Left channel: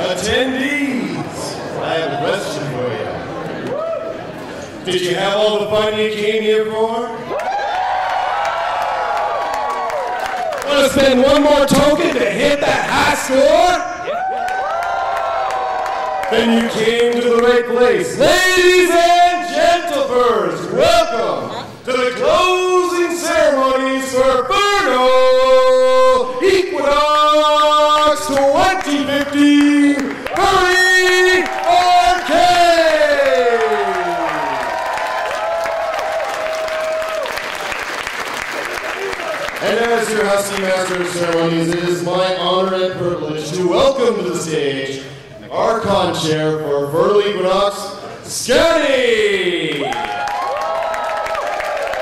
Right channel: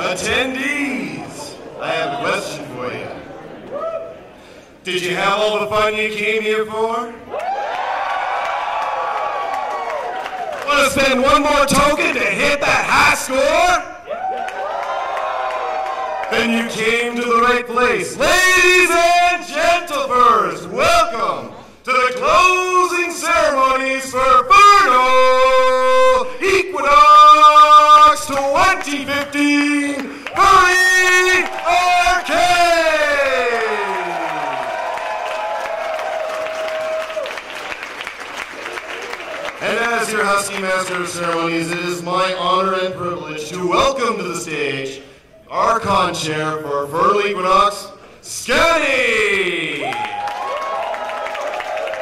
Attendees, I have a question for you. Did you have all the fun you came here for? Want to spend one more token to hit that high score? Then you came to the right place. Ladies and gentlemen, welcome to the closing ceremonies for Furnal Equinox 2015 Furry Arcade! And as your Husky Master of Ceremonies, it is my honor and privilege to welcome to the stage our con-chair for Furnal Equinox, Scotty!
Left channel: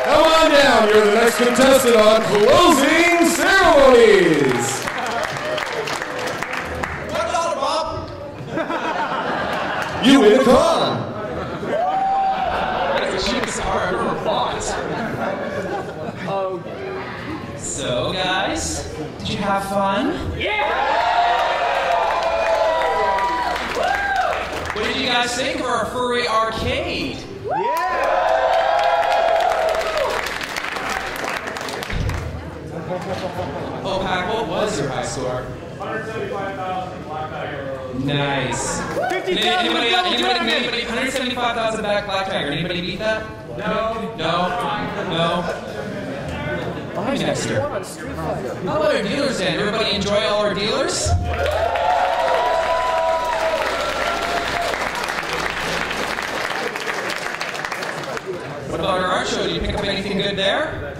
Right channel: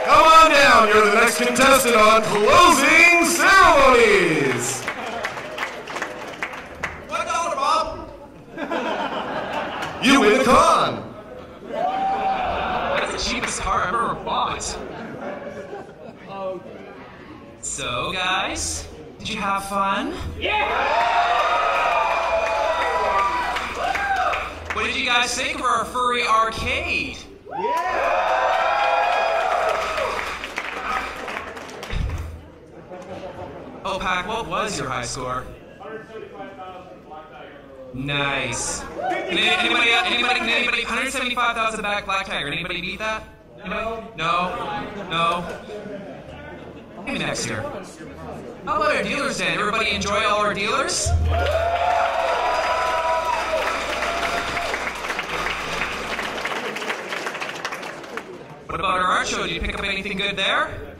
Come on down, you're the next contestant on Closing Ceremonies! What dollar, Bob? You win the con! That's the cheapest car I ever bought. Oh. So, guys, did you have fun? Yeah! What did you guys think of our Furry Arcade? Yeah! Oh, Pac, what was your high score? 175,000 Black Tiger. Nice. Can anybody, 175,000 back Black Tiger. Anybody beat that? No. No? Maybe next year. How about our dealers then? Everybody enjoy all our dealers? What about our art show? Did you pick up anything good there?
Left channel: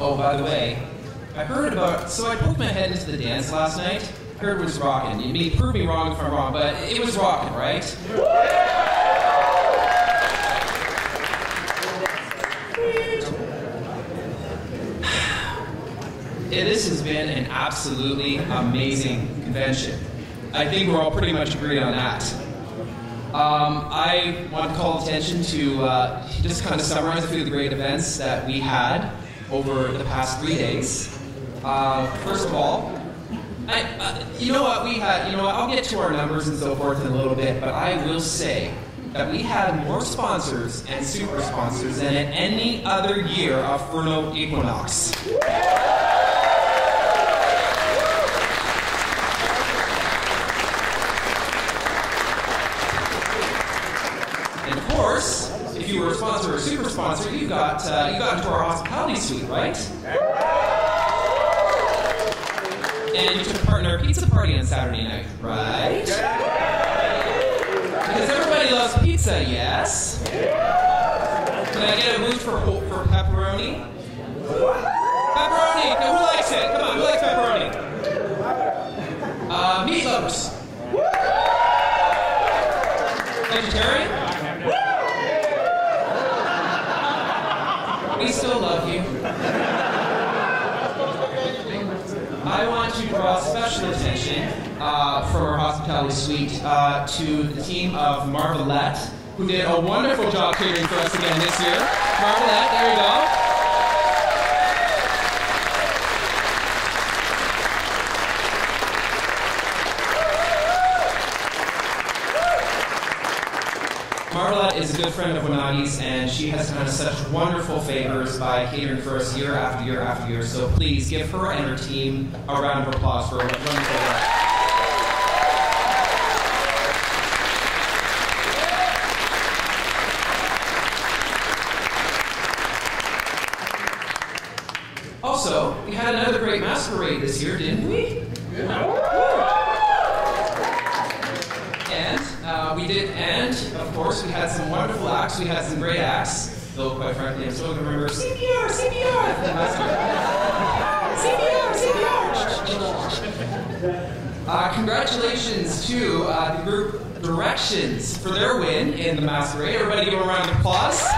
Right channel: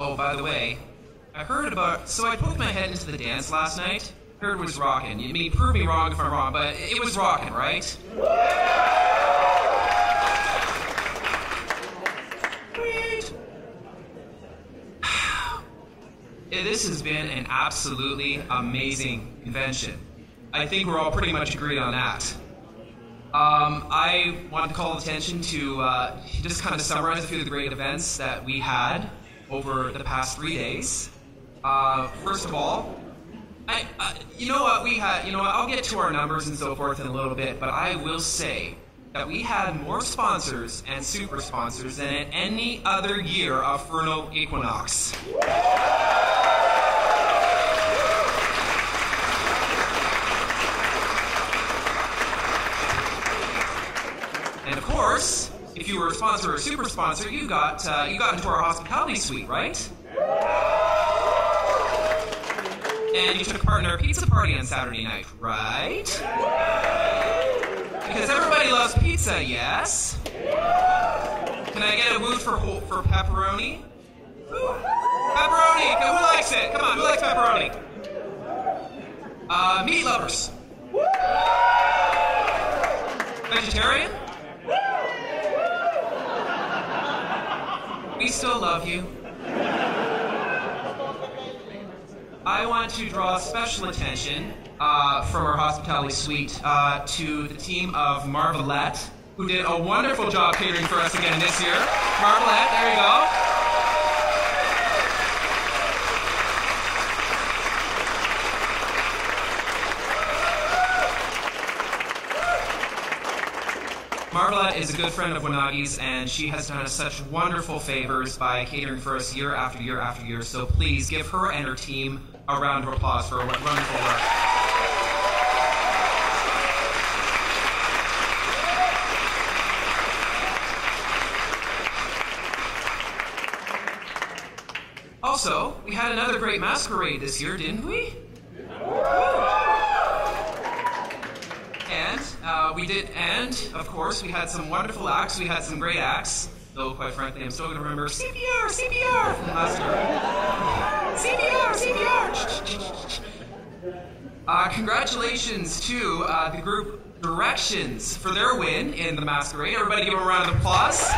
Oh, by the way, I heard about, so I poked my head into the dance last night. Heard it was rocking. You may prove me wrong if I'm wrong, but it was rocking, right? This has been an absolutely amazing convention. I think we're all pretty much agreed on that. I want to call attention to just kind of summarize a few of the great events that we had over the past 3 days. First of all, you know what, I'll get to our numbers and so forth in a little bit, but I will say that we had more sponsors and super sponsors than at any other year of Furnal Equinox. And of course, if you were a sponsor or a super sponsor, you got into our hospitality suite, right? And you took part in our pizza party on Saturday night, right? Because everybody loves pizza, yes? Can I get a move for pepperoni? Pepperoni! Who likes it? Come on, who likes pepperoni? Meat lovers. Vegetarian? We still love you. I want to draw special attention from our hospitality suite to the team of Marvelette, who did a wonderful job catering for us again this year. Marvelette, there you go. Marvelette is a good friend of Wanagi's, and she has done us such wonderful favors by catering for us year after year after year. So please give her and her team a round of applause for her wonderful work. Also, we had another great masquerade this year, didn't we? We did, and of course, we had some wonderful acts. We had some great acts, though quite frankly, I'm still going to remember CPR from last year. CPR. Congratulations to the group Directions for their win in the masquerade. Everybody give them a round of applause.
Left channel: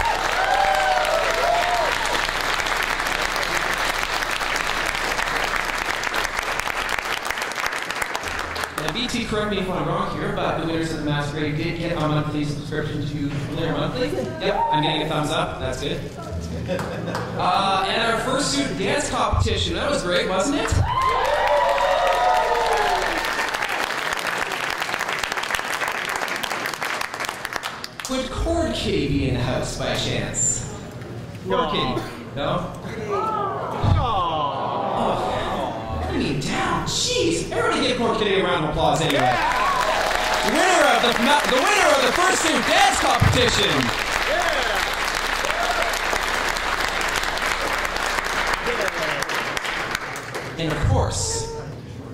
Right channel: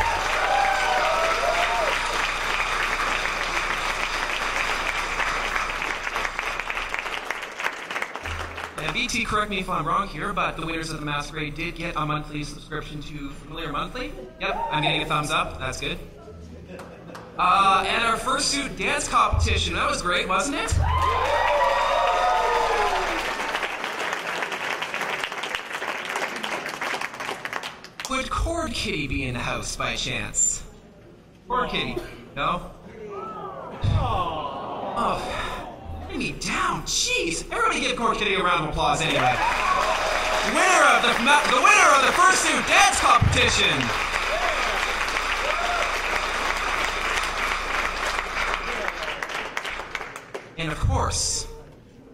And BT, correct me if I'm wrong here, but the winners of the masquerade did get a monthly subscription to Furry Monthly. Yep, I'm getting a thumbs up. That's good. And our first fursuit dance competition. That was great, wasn't it? Would Cord Kitty be in the house by chance? Cord Kitty? No? Oh, put me down. Jeez. Everybody give Cord Kitty a round of applause anyway. The winner of the fursuit dance competition. And of course,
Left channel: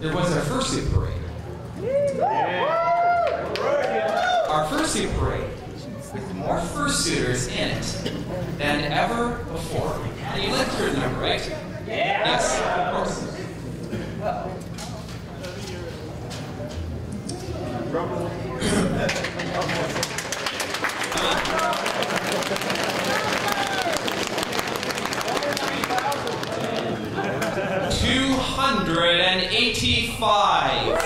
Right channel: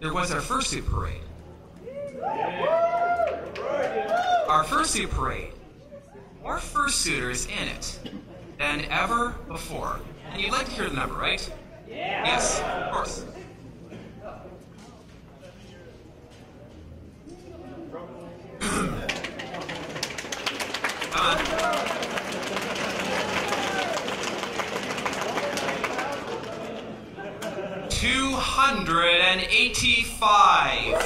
there was our fursuit parade. Our fursuit parade with more fursuiters in it than ever before. And you'd like to hear the number, right? Yes, of course. 285.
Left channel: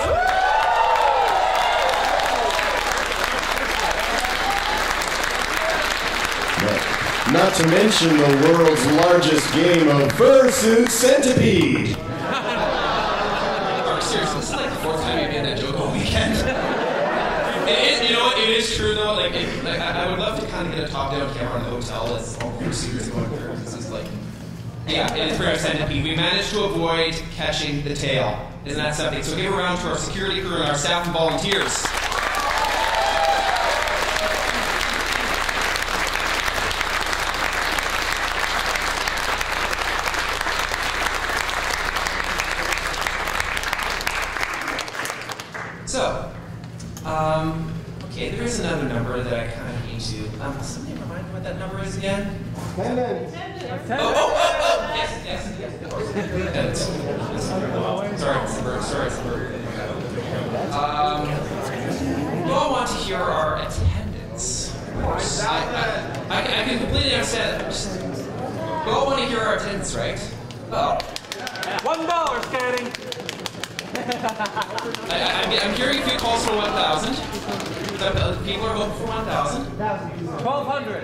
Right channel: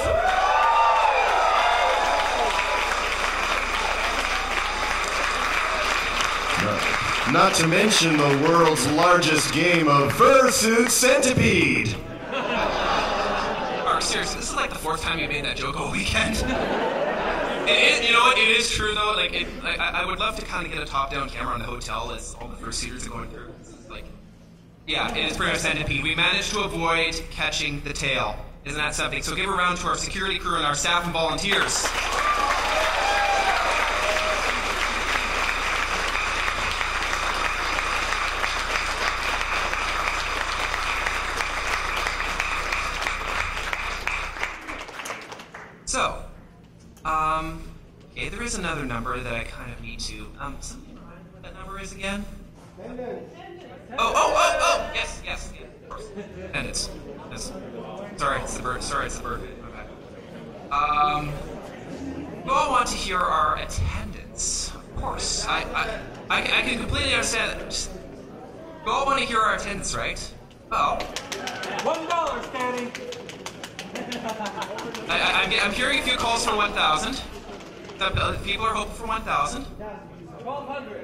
Not to mention the world's largest game of Fursuit Centipede. Mark, seriously, this is like the fourth time you made that joke all weekend. You know what? It is true though. I would love to kind of get a top-down camera on the hotel as all the fursuiters are going through. This is like, yeah, it is pretty much Centipede. We managed to avoid catching the tail. Isn't that something? So give a round to our security crew and our staff and volunteers. So, okay, there is another number that I kind of need to. Somebody remind me what that number is again? Oh! Yes. Attendance. Sorry, it's the bird. You all want to hear our attendance. Of course, I can completely understand that. You all want to hear our attendance, right? Oh. $1 scanning. I'm hearing a few calls for 1,000. People are hoping for 1,000. 1,200.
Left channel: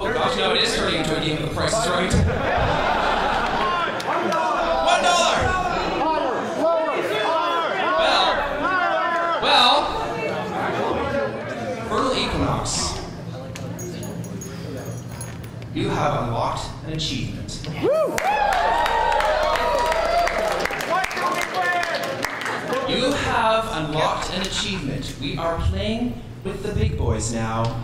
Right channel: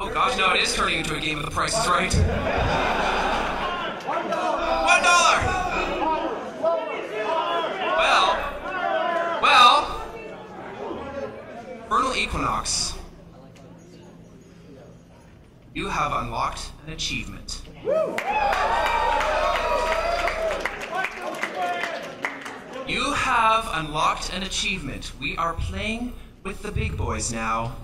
Oh gosh, no, it is turning into a game of The Price is Right. $1. Well, Furnal Equinox, you have unlocked an achievement. You have unlocked an achievement. We are playing with the big boys now.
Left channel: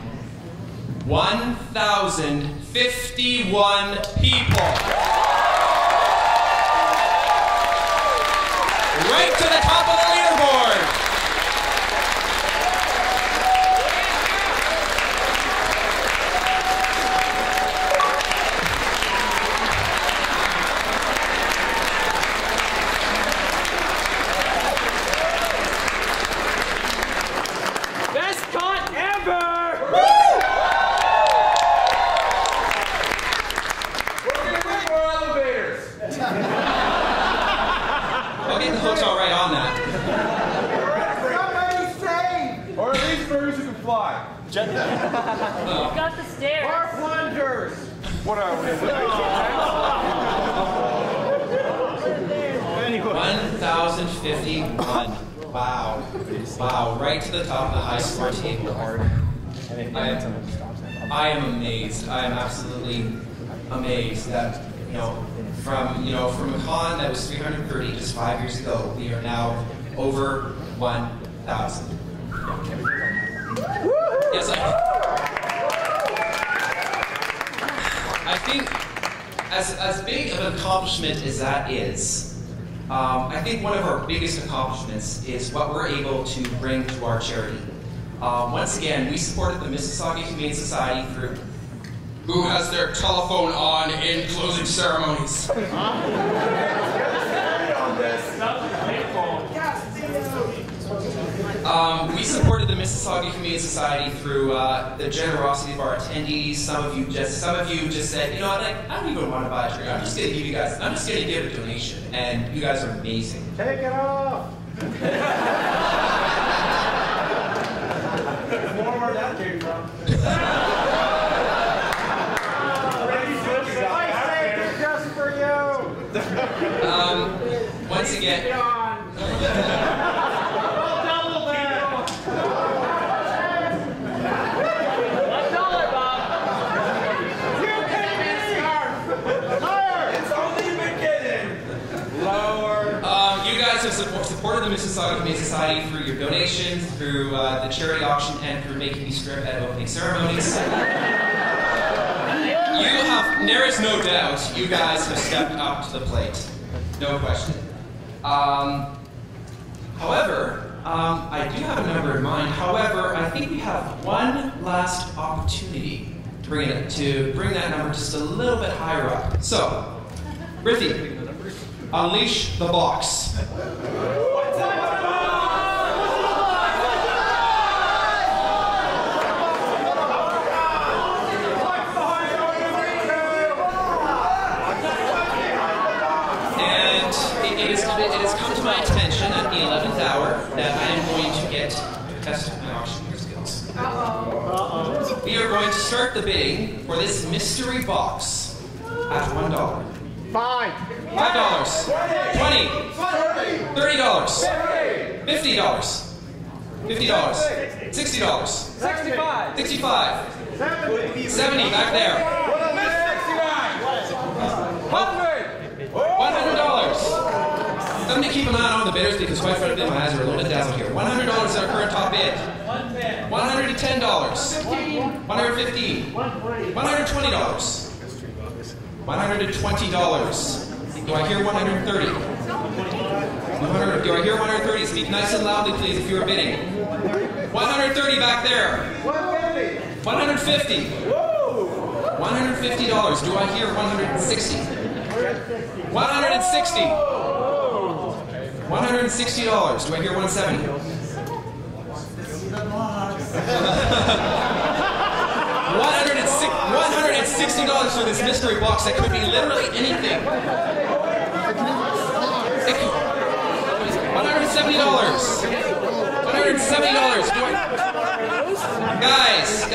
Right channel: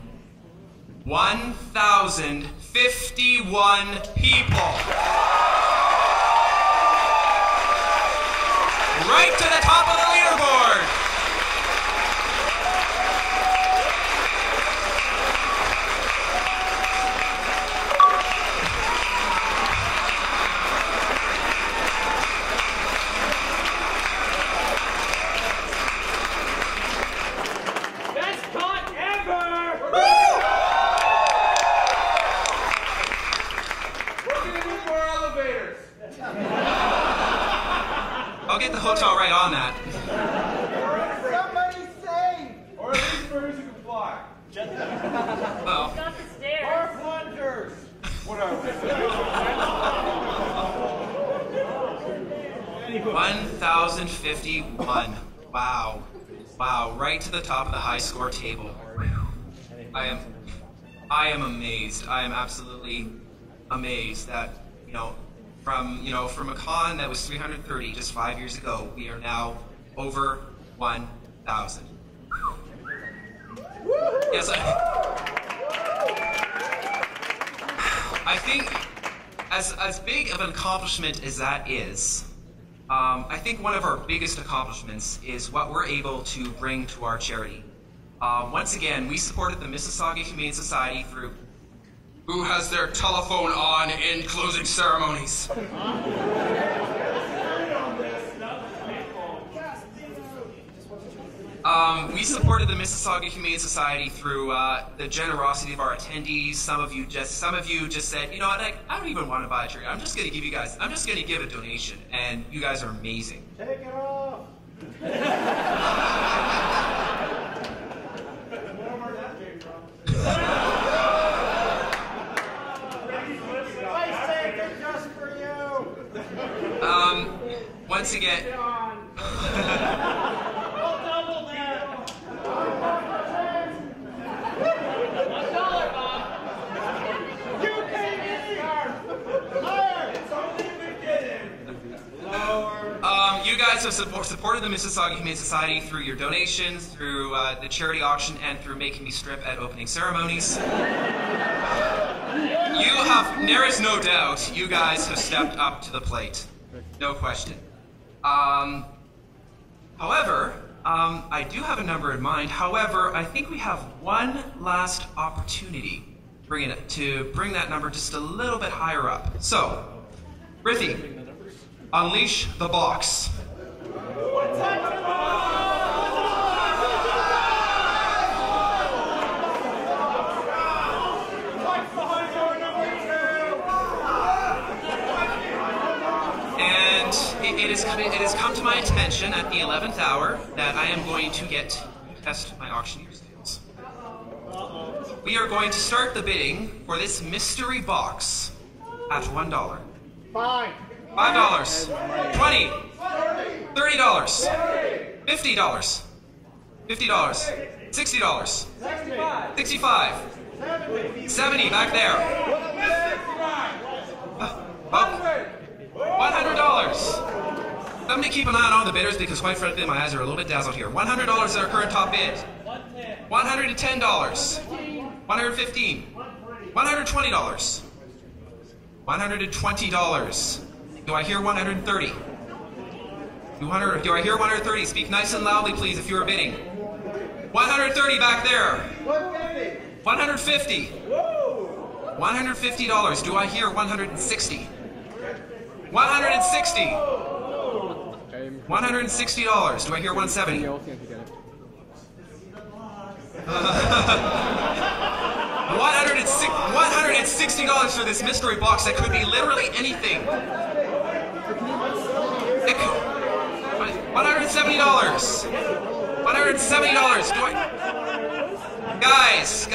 1,051 people. Right to the top of the leaderboard. Best con ever! I'll get the hotel right on that. Somebody save! Or at least furries who can fly. Oh. Got the stairs. Or plungers. Whatever. 1,051. Wow. Wow. Right to the top of the high score table. I am amazed. I am absolutely amazed that, from a con that was 330 just 5 years ago, we are now over 1,000. Yes, I think as big of an accomplishment as that is, I think one of our biggest accomplishments is what we're able to bring to our charity. Once again, we supported the Mississauga Humane Society through who has their telephone on in closing ceremonies. We supported the Mississauga Humane Society through the generosity of our attendees. Some of you just said, you know what, I don't even want to buy a tree. I'm just going to give a donation. And you guys are amazing. Take it off! More where that came from. Once again, you guys have supported the Mississauga Humane Society through your donations, through the charity auction, and through making me strip at opening ceremonies. There is no doubt, you guys have stepped up to the plate. No question. However, I do have a number in mind. However, I think we have one last opportunity to bring that number just a little bit higher up. So, Riffy, unleash the box. It has come to my attention at the 11th hour that I am going to test my auctioneer skills. We are going to start the bidding for this mystery box at $1. Fine. $5, $20, $30, $50, $50, $60, 65, 70 back there. $100. I'm going to keep an eye on all the bidders because quite frankly my eyes are a little bit dazzled here. $100 is our current top bid. $110. $115. $120. $120. Do I hear 130? Do I hear 130? Speak nice and loudly, please, if you are bidding. 130 back there. 150. $150. Do I hear 160? 160. $160. Do I hear 170? $160 for this mystery box that could be literally anything. $170. $170. Do I... Guys.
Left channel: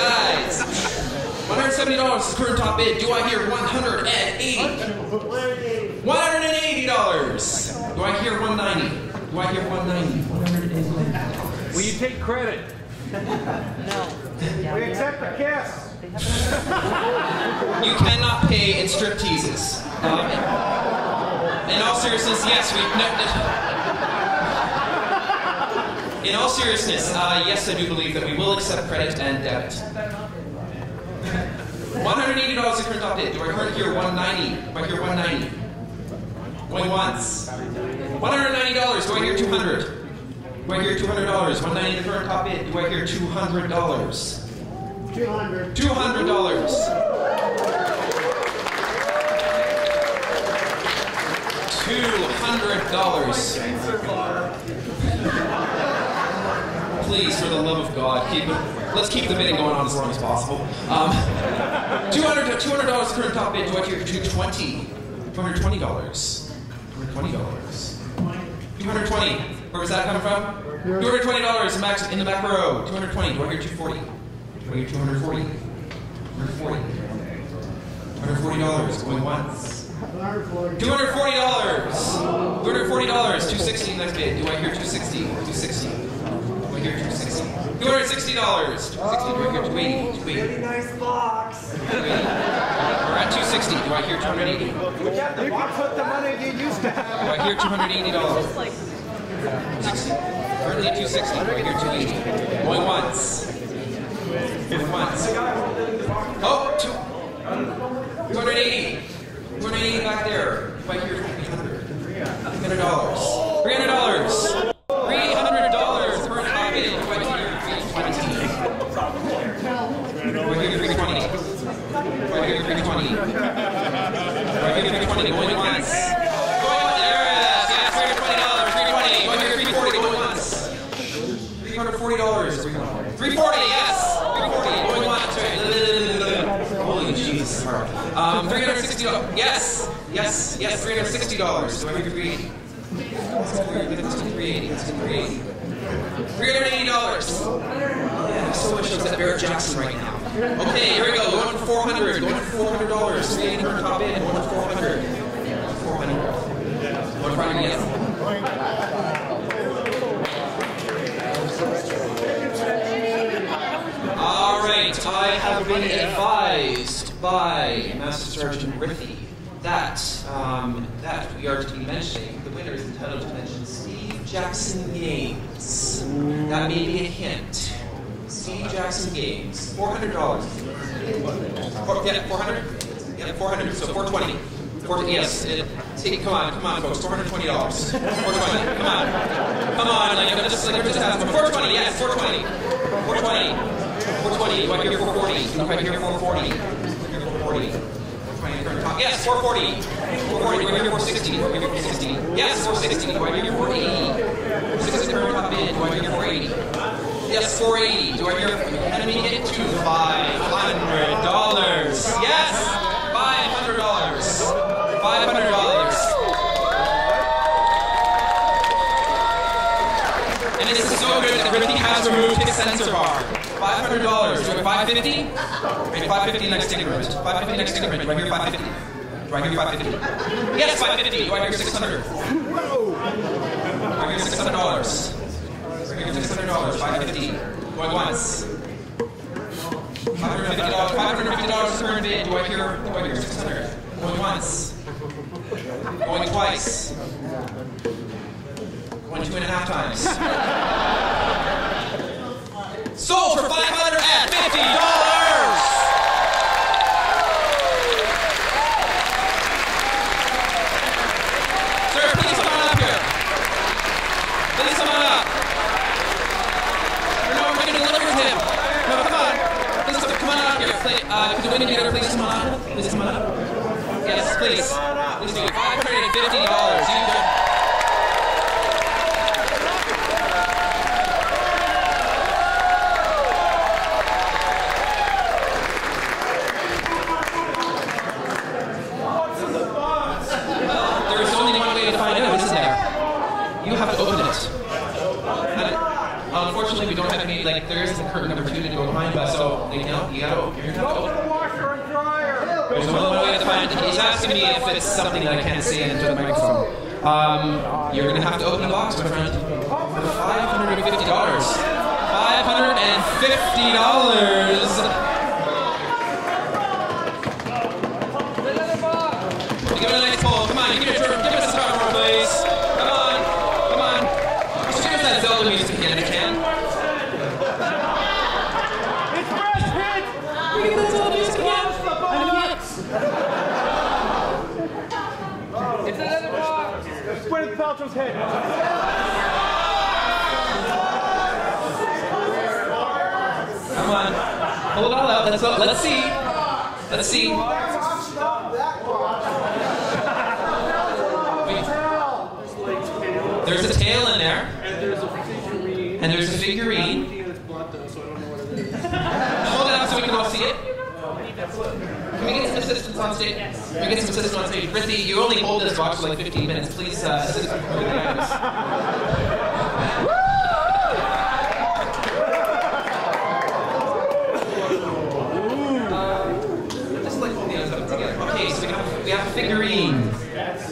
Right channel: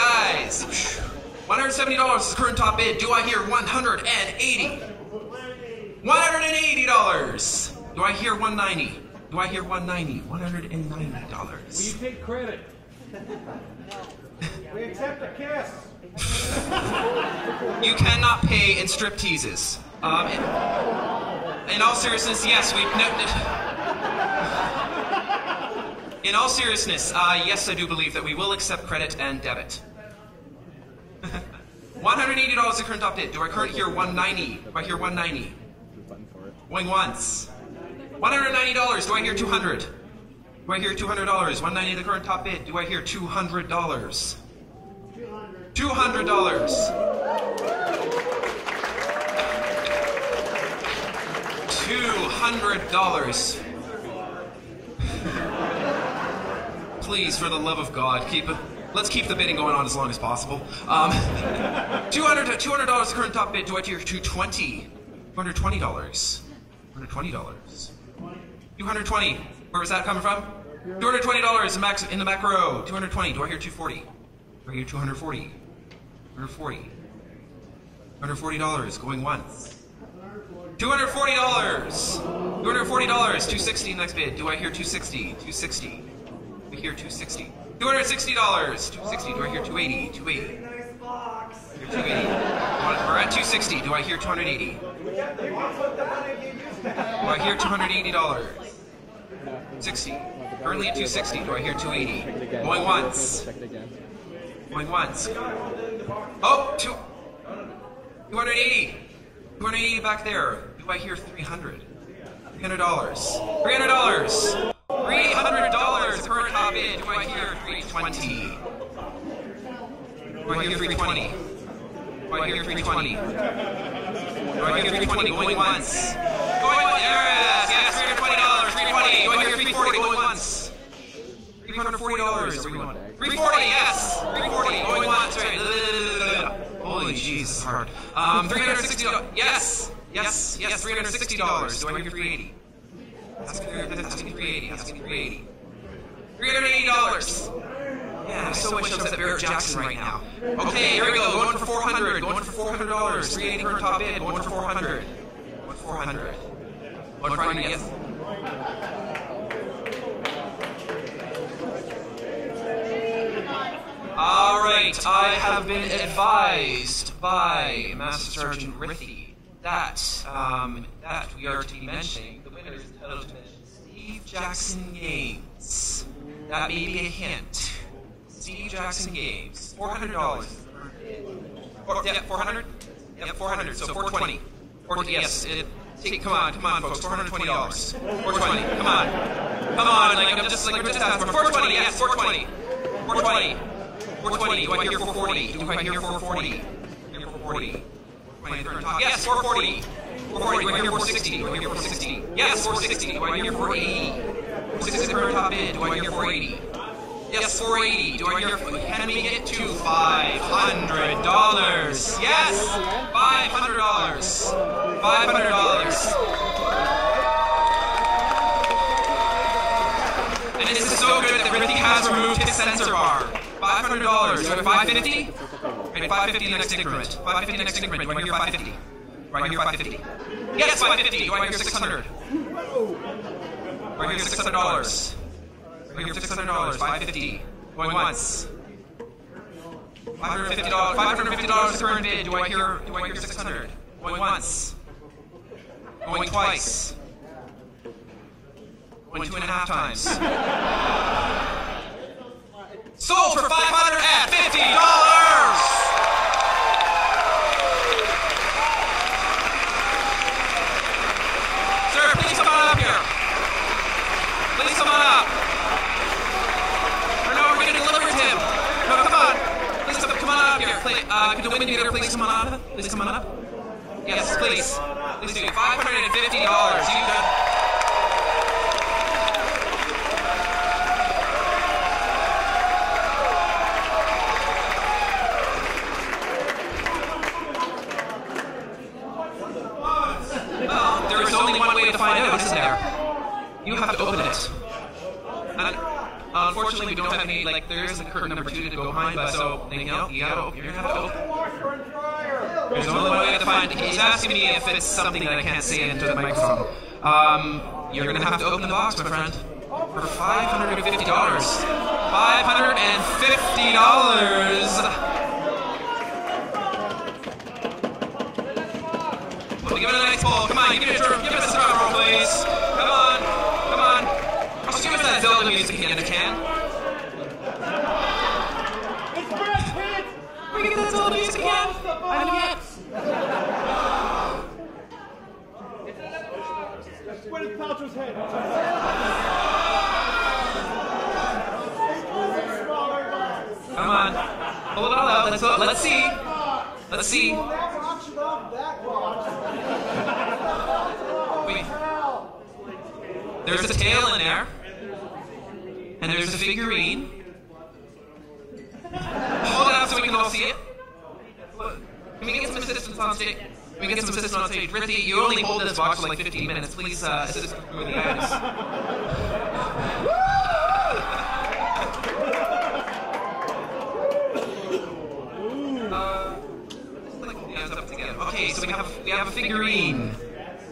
$170 is the current top bid. Do I hear $180? $180. Do I hear 190? Do I hear 190? $190. Will you take credit? No. We accept the kiss. You cannot pay in strip teases. In all seriousness, yes, in all seriousness, yes, I do believe that we will accept credit and debit. $180 the current top bid. Do I hear 190? Do I hear 190? Going once. $190. Do I hear 200? Do I hear $200? 190 the current top bid. Do I hear $200? $200. $200. Please, for the love of God, let's keep the bidding going on as long as possible. $200 the current top bid. Do I hear $220? $220. $220. $220. Where was that coming from? $220 in the back row. $220. Do I hear $240? Do I hear $240? $240. $140. Going once. $240. $240. $260 next bid. Do I hear $260? $260. Do I hear $260? $260. $260. Do I hear $280? $280. Nice box. $280. We're at $260. Do I hear $280? You can put the money you used to have. Do I hear $280? 60. Currently at $260. Do I hear $280? Going once. Going once. Oh, $280. $280 back there. Do I hear $300? $300. $300. $300. Current top bid. Do I hear $320? Do I hear $320? Do I hear $320? Do I hear $320? Going once. Going once. Yes, $320. $320. Do I hear $340? Going once. $340. $340. Yes. $340. Going once. Right. Holy jeez. $360. Yes. Yes. Yes. $360. Do I hear $380? That's $380. That's $380. $380. Yeah, I so wish I was at Barrett Jackson right now. Okay, here we go. Going for $400. Going for $400. $380 per top bid. Going for $400. $400. Going for $400. Yes. All right, I have been advised by Master Sergeant Rithy that we are to be mentioning, the winner is entitled to mention Steve Jackson Games. That may be a hint. Steve Jackson Games, $400. Yeah, 400? Yeah, 400, so 420. Yes, come on, folks, $420. 420, come on, like I'm just asking for 420. Yes, 420. 420. 420. Do I hear 440? Do I hear 440? Hear 440. Yes, 440. 440. Do I hear 460? Do I hear 460? Yes, 460. Do I hear 480? 460 for top bid. Do I hear 480? Yes, 480. Do I hear? Can we get to $500? Yes, $500. $500. And this is so good that Rithy has removed his sensor bar. $500. Do I have 550? Okay, 550 next increment. 550 next increment. Do I hear 550? Do I hear 550? Yes, 550. Do I hear 600? Do I hear $600? Do I hear $600? 550. Going once. $550. $550 current bid. Do I hear 600? Going once. Going twice. Going 2.5 times. Sold for $550. Sir, please come on up here. Please come on up. No, we're going to deliver him. No, come on. Please come on up here. Could the women together please come on up? Please come on up. Yes, please. Please do. $550. You go. You have to open it. Unfortunately, we don't have any, there is a curtain number 2 to go behind, but so, you're going to have to open it. There's only one way to find it. He's asking me if it's something that I can't say into the microphone. You're going to have to open the box, my friend, for $550. $550! Give it a nice pull. Come on, give it a drum roll, please. Zelda music again if you can. It's Brad Pitt! We get that Zelda music again? I know yet. It's Gwyneth Paltrow's head. Come on. Hold it all out. Let's see. Let's see. Wait. There's a tail in there. And there's a figurine. Hold it up so we can all see it. Can we get some assistance on stage? Can we get some assistance on stage? Rithy, you only hold this box for like 15 minutes. Please assist with the items. Just like hold the items up together. Okay, so we have a figurine.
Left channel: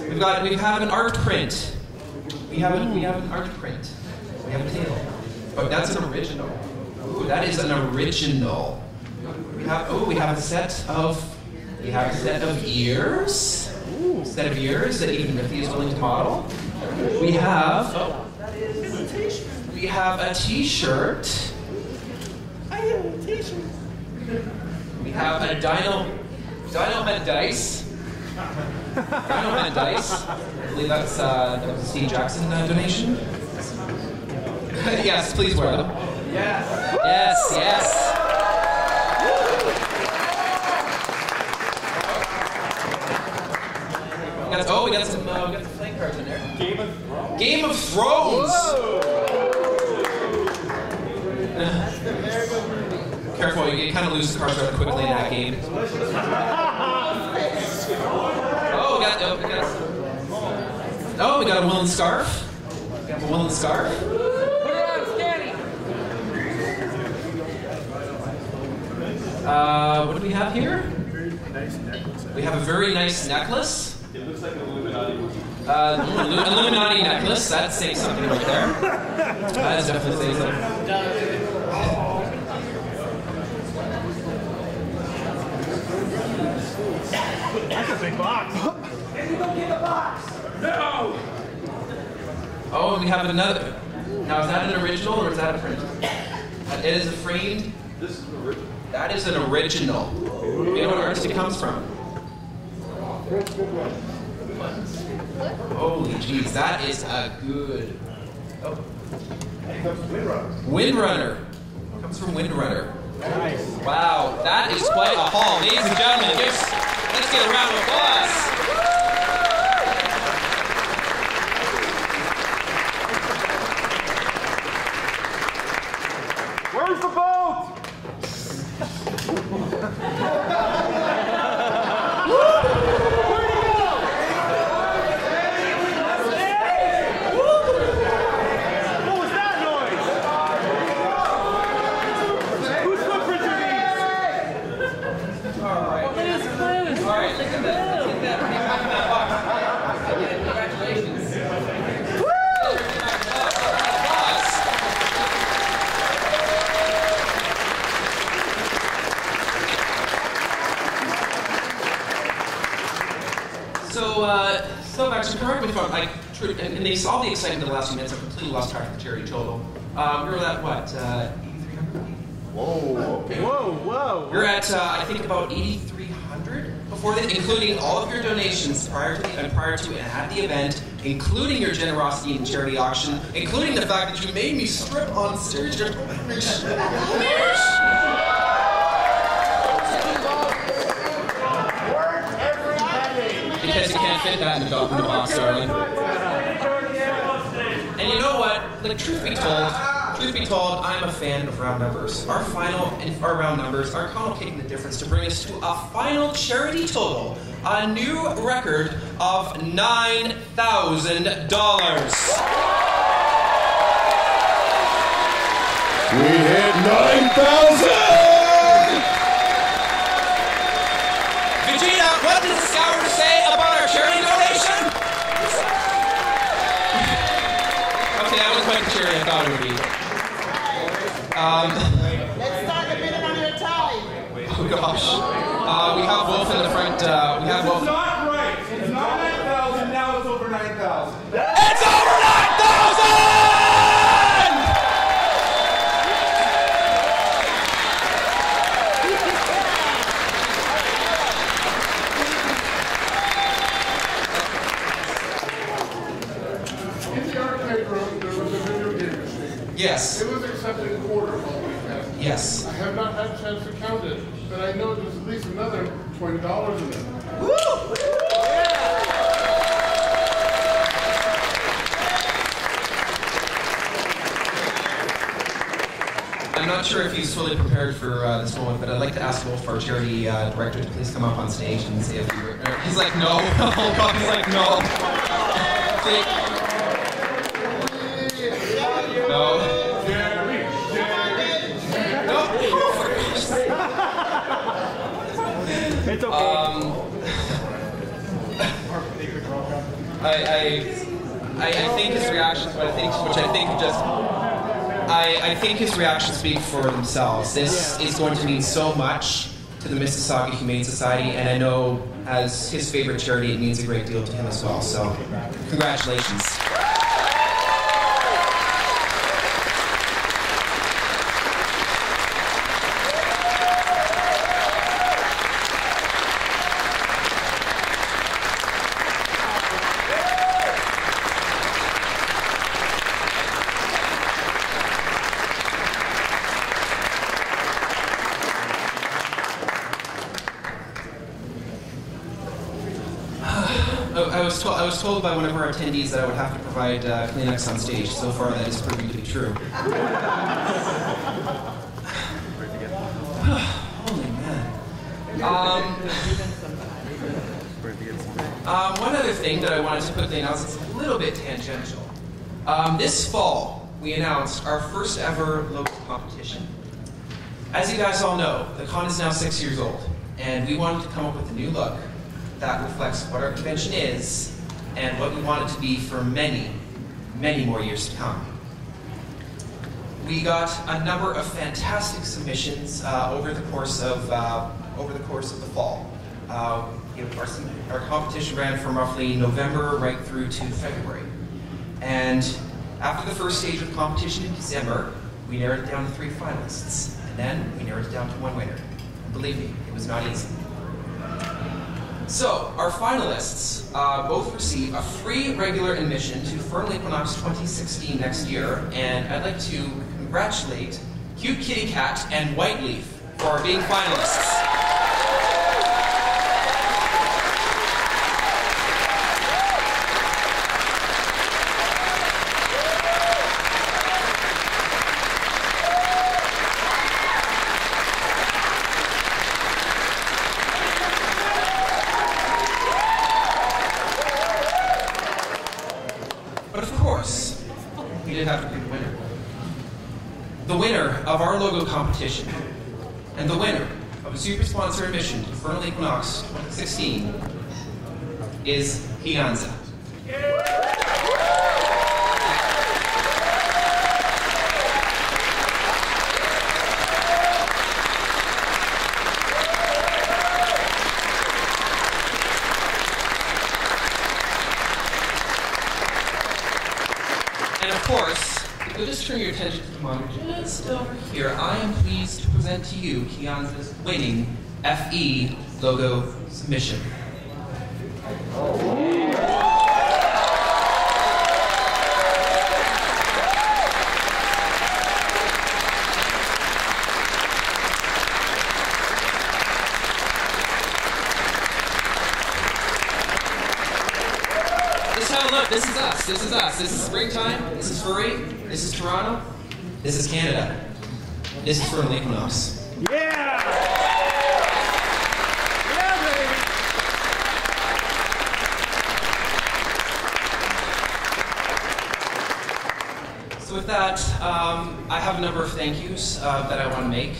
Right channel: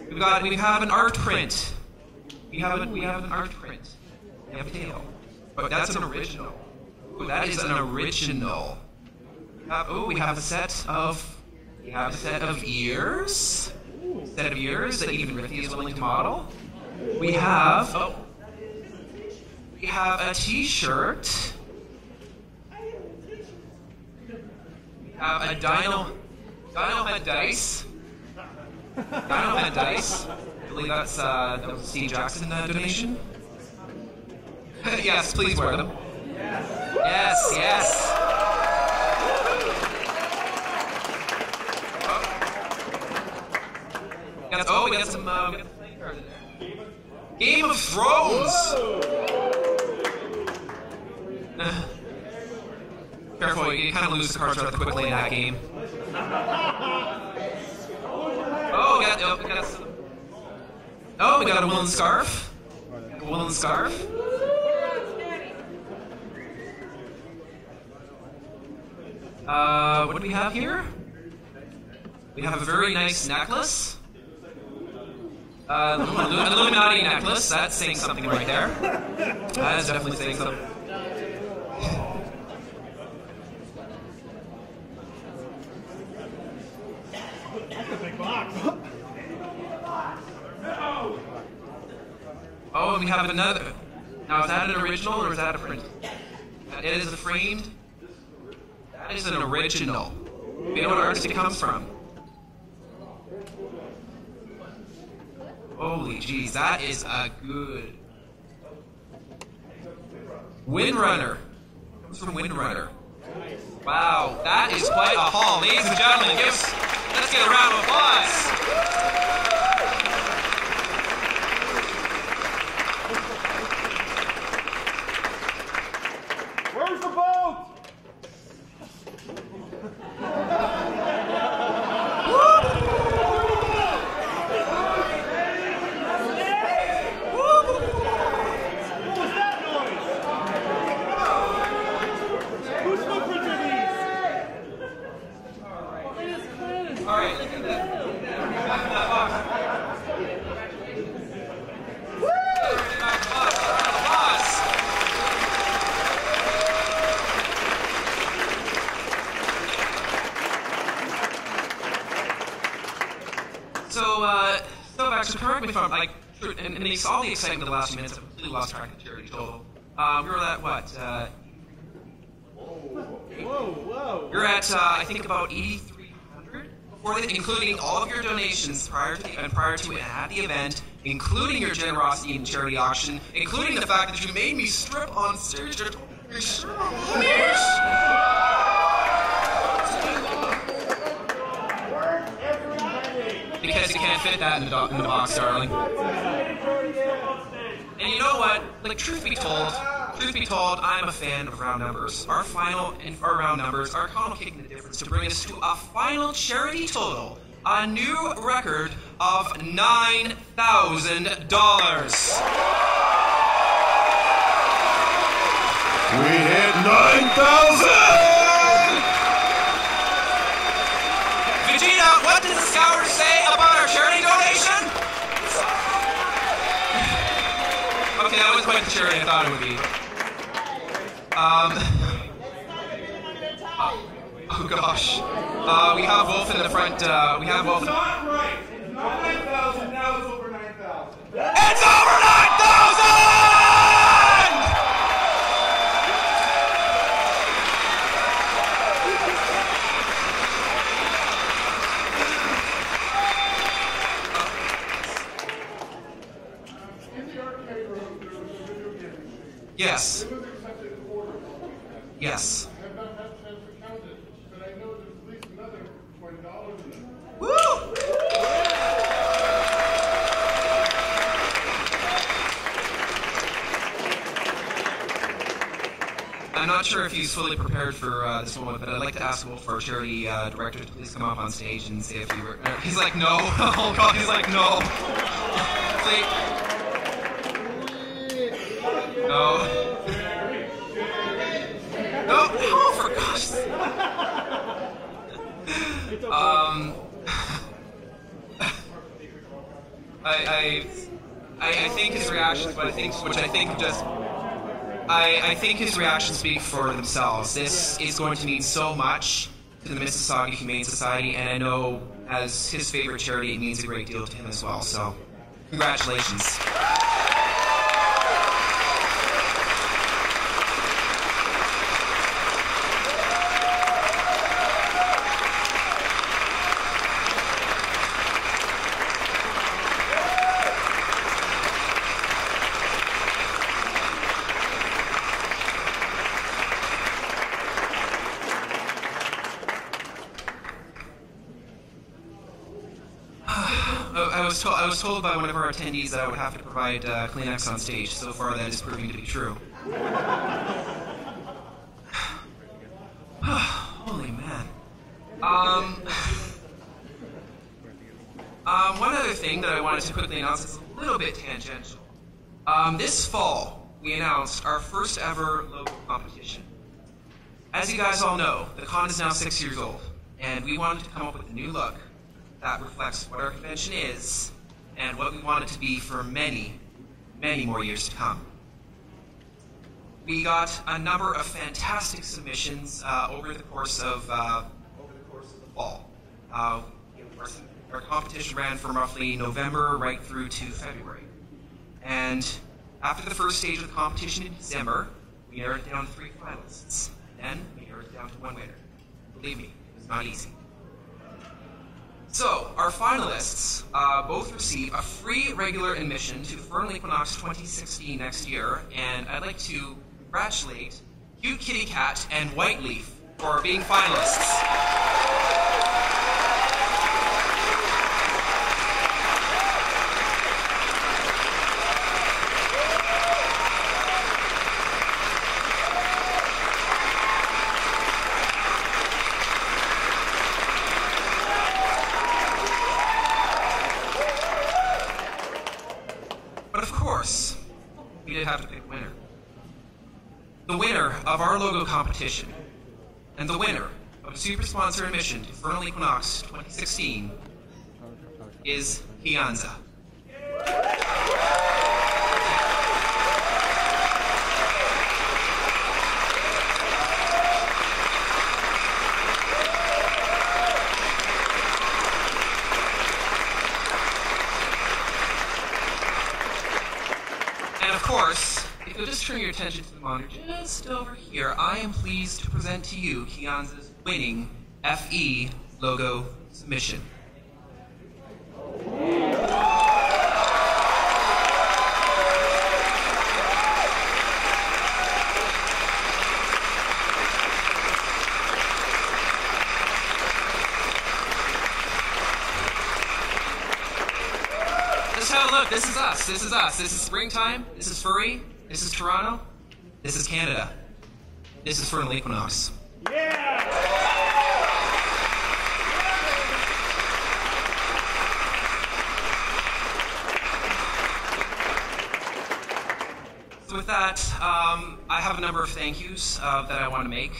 We have an art print. We have an art print. We have a tail. Oh, that's an original. Ooh, that is an original. We have a set of ears. Ooh, set of ears that even Rithy is willing to model. We have a T-shirt. I have a T-shirt. We have a Dino Head Dice. Dino Head Dice. I believe that's the Steve Jackson donation. Yes, please wear them. Yes. Yes. We got some playing cards in there. Game of Thrones. Careful, you kind of lose the cards rather quickly in that game. We got a woolen scarf. A woolen scarf. What do we have here? We have a very nice necklace. Illuminati necklace. That's saying something right there. That's definitely saying something. That's a big box. No! Oh, and we have another. Now, is that an original or is that a print? It is a framed. This is an original. That is an original. You know what artist it comes from? Holy jeez, that is a good. Oh. Windrunner. Comes from Windrunner. Nice. Wow, that is quite a haul. Ladies and gentlemen, let's get a round of applause. Where's the boat? What was that noise? Whose footprints are these? All right, look at that. Congratulations. So actually, correct me if I'm like, and they saw the excitement of the last few minutes. I've completely lost track of the charity total. We were at what? Whoa. We're at I think about 8,300 before that, including all of your donations prior to and at the event, including your generosity in charity auction, including the fact that you made me strip on stage. Because you can't fit that in the box, darling. And you know what? Like, truth be told, I'm a fan of round numbers. Our round numbers, our con will kick the difference to bring us to a final charity total, a new record of $9,000. We hit 9,000! Vegeta, what does the scouter say about our charity donation? Okay, that was quite the charity I thought it would be. Let's start the minute on your tally. Oh gosh. We have Wolf in the front. We have Wolf. It's not right. It's not 9,000. Now it's over 9,000. It's over 9,000! Yes. It was accepted quarter of what we had. Yes. I have not had a chance to count it, but I know there's at least another $20 in it. Woo! I'm not sure if he's fully prepared for this moment, but I'd like to ask Wolf, our charity director, to please come up on stage and say a few words. He's like, no. Oh God, he's like, no. Please. No. No. Oh, for gosh sake. It's okay. I think his reactions, I think his reactions speak for themselves. This is going to mean so much to the Mississauga Humane Society, and I know as his favorite charity, it means a great deal to him as well. So, congratulations. I was told by one of our attendees that I would have to provide Kleenex on stage. So far, that is proving to be true. Holy man. One other thing that I wanted to quickly announce is a little bit tangential. This fall, we announced our first ever local competition. As you guys all know, the con is now 6 years old, and we wanted to come up with a new look that reflects what our convention is and what we want it to be for many, many more years to come. We got a number of fantastic submissions over the course of the fall. Our competition ran from roughly November right through to February. And after the first stage of the competition in December, we narrowed it down to 3 finalists. And then we narrowed it down to 1 winner. Believe me, it was not easy. So, our finalists both receive a free regular admission to Furnal Equinox 2016 next year, and I'd like to congratulate Cute Kitty Cat and White Leaf for being finalists. But of course, we did have to pick a winner. The winner of our logo competition, and the winner of a super sponsor admission to Furnal Equinox 2016 is Hianza. And of course, if you'll just turn your attention to the monitor just over here, I am pleased to present to you Hianza's winning FE logo submission. This is how, look, this is us, this is us. This is springtime, this is Furry, this is Toronto, this is Canada. This is Furnal Equinox. Yeah! So with that, I have a number of thank yous that I want to make.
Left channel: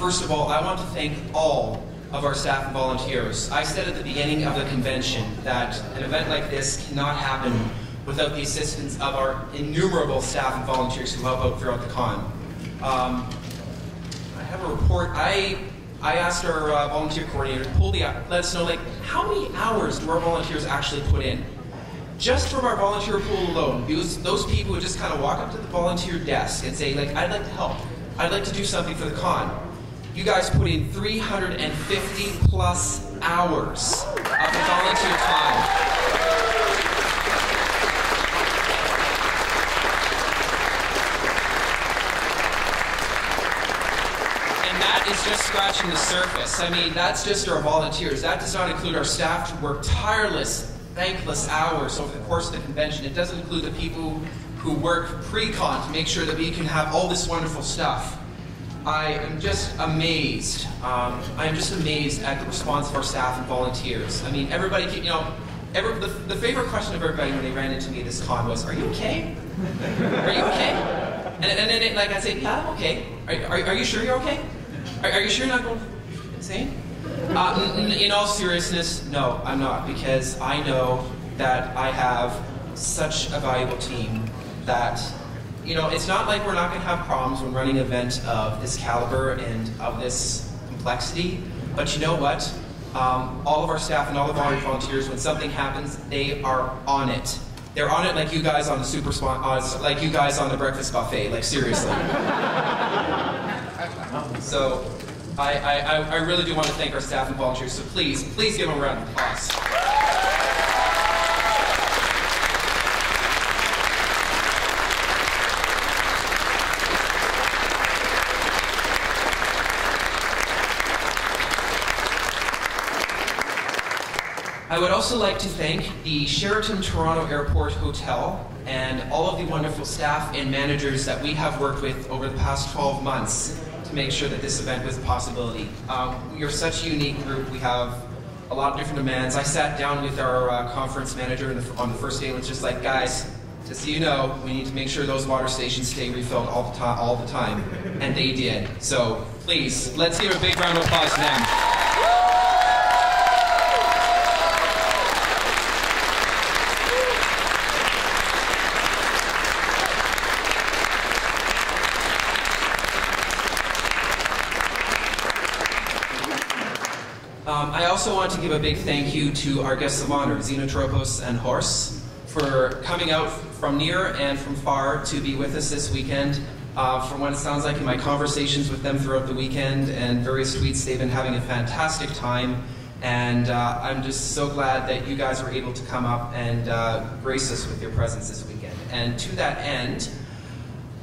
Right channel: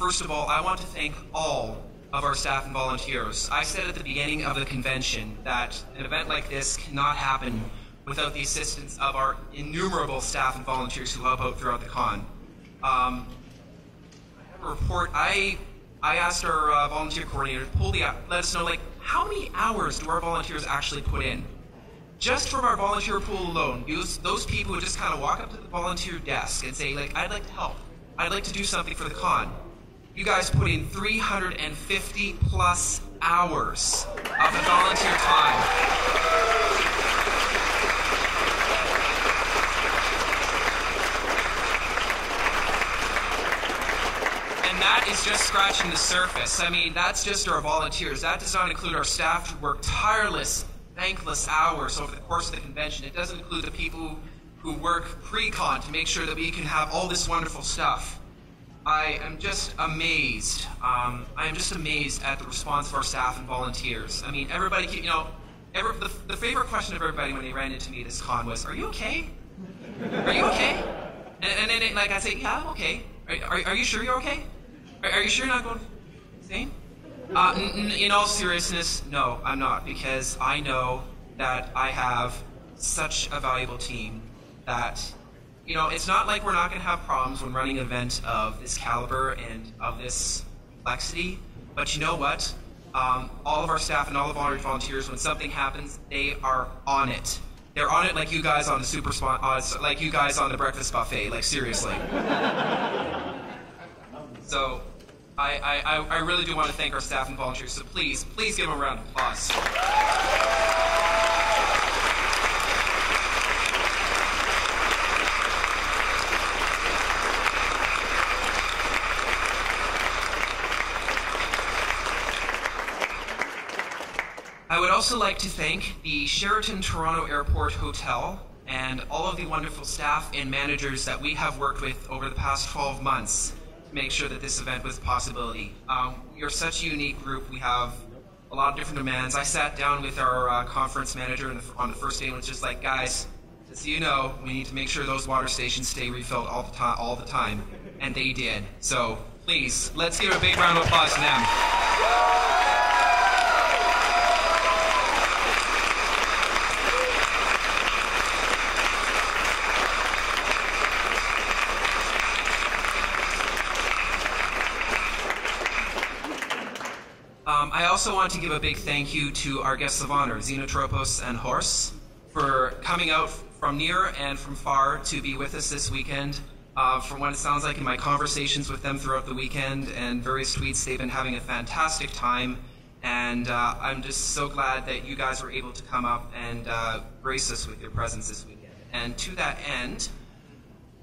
First of all, I want to thank all of our staff and volunteers. I said at the beginning of the convention that an event like this cannot happen without the assistance of our innumerable staff and volunteers who help out throughout the con. I have a report. I asked our volunteer coordinator to let us know, like, how many hours do our volunteers actually put in? Just from our volunteer pool alone, those people would just kind of walk up to the volunteer desk and say, like, I'd like to help. I'd like to do something for the con. You guys put in 350 plus hours of volunteer time. And that is just scratching the surface. I mean, that's just our volunteers. That does not include our staff who work tireless, thankless hours over the course of the convention. It doesn't include the people who work pre-con to make sure that we can have all this wonderful stuff. I am just amazed. I am just amazed at the response of our staff and volunteers. I mean, everybody, the favorite question of everybody when they ran into me this con was, "Are you okay? Are you okay?" And then, like, I say, "Yeah, I'm okay. Are you sure you're okay? Are you sure you're not going insane?" In all seriousness, no, I'm not, because I know that I have such a valuable team that, you know, it's not like we're not going to have problems when running an event of this caliber and of this complexity, but you know what? All of our staff and all of our volunteers, when something happens, they are on it. They're on it like you guys on the like you guys on the breakfast buffet, like seriously. So, I really do want to thank our staff and volunteers, so please give them a round of applause. I would also like to thank the Sheraton Toronto Airport Hotel and all of the wonderful staff and managers that we have worked with over the past 12 months to make sure that this event was a possibility. We are such a unique group. We have a lot of different demands. I sat down with our conference manager on the first day and was just like, guys, just so you know, we need to make sure those water stations stay refilled all the time. And they did. So please, let's give a big round of applause to them. also want to give a big thank you to our guests of honor, Xenotropos and Horse, for coming out from near and from far to be with us this weekend. From what it sounds like in my conversations with them throughout the weekend and various tweets, they've been having a fantastic time. And I'm just so glad that you guys were able to come up and grace us with your presence this weekend. And to that end,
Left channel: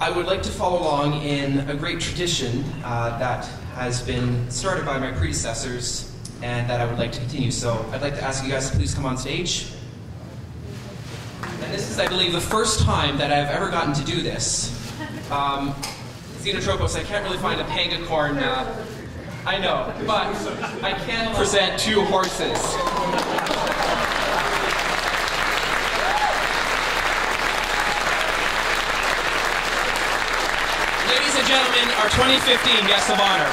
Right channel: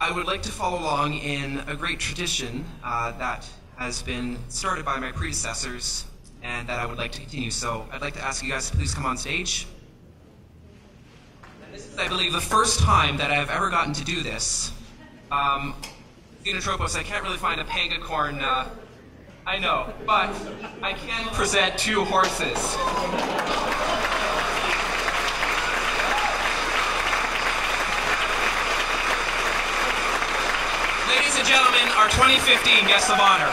I would like to follow along in a great tradition that has been started by my predecessors and that I would like to continue. So I'd like to ask you guys to please come on stage. And this is, I believe, the first time that I've ever gotten to do this. Xenotropos, I can't really find a pangacorn, I know, but I can present 2 horses. Ladies and gentlemen, our 2015 guests of honor.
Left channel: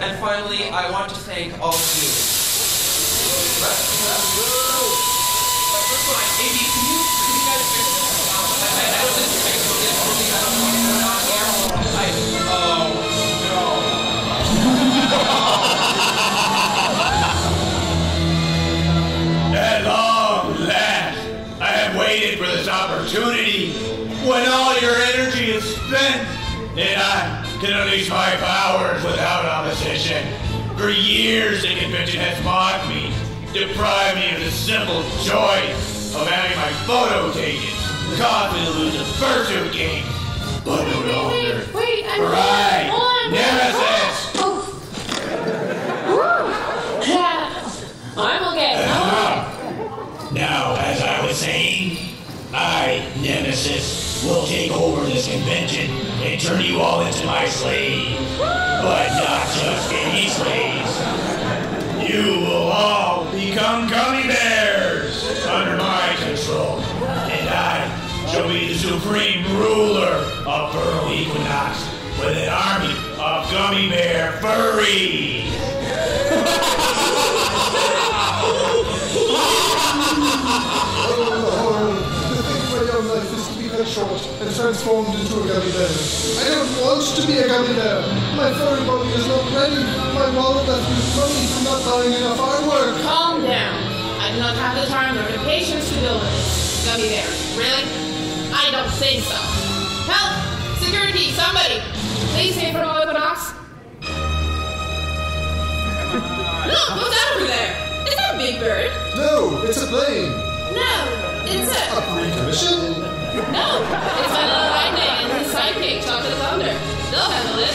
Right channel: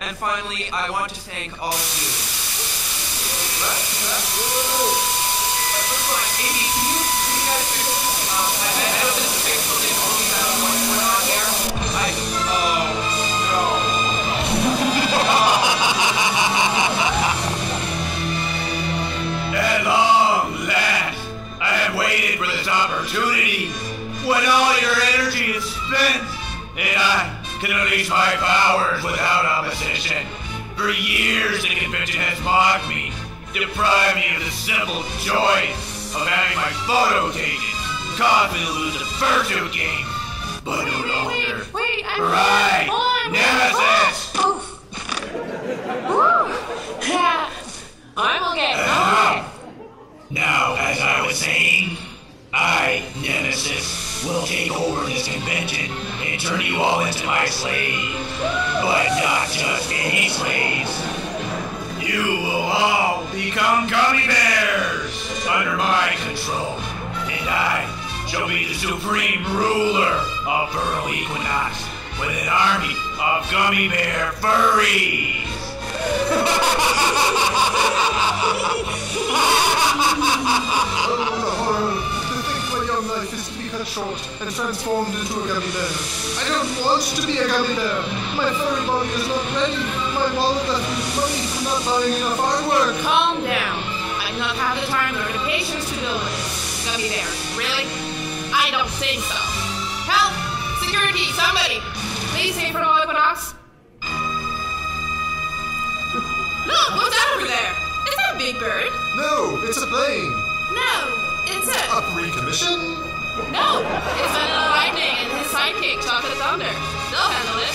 And finally, I want to thank all of you. Amy, can you guys fix this? I know this is fixed, but this only has what's going on here. At long last, I have waited for this opportunity when all your energy is spent and I can unleash my powers without opposition. For years, the convention has mocked me, deprived me of the simple joy of having my photo taken, caused me to lose the fursuit game. But no longer. Wait, I'm Right, on. Nemesis. Yeah, I'm okay. Now, as I was saying, I, Nemesis, will take over this convention and turn you all into my slaves. But not just any slaves. You will all become gummy bears under my control. And I shall be the supreme ruler of Furnal Equinox with an army of gummy bear furries. To think my young life is to be cut short and transformed into a gummy bear. I don't want to be a gummy bear. My furry body is not ready. My wallet left with money from not buying enough artwork. Calm down. I do not have the time nor the patience to deal with this. Gummy bear. Really? I don't think so. Help! Security, somebody! Please say Furnal Equinox. Look, what's that over there? Is that a big bird? No, it's a plane. No, it's a... A pre-commission? No, it's Vanilla Lightning and his sidekick, Chocolate Thunder. They'll handle it.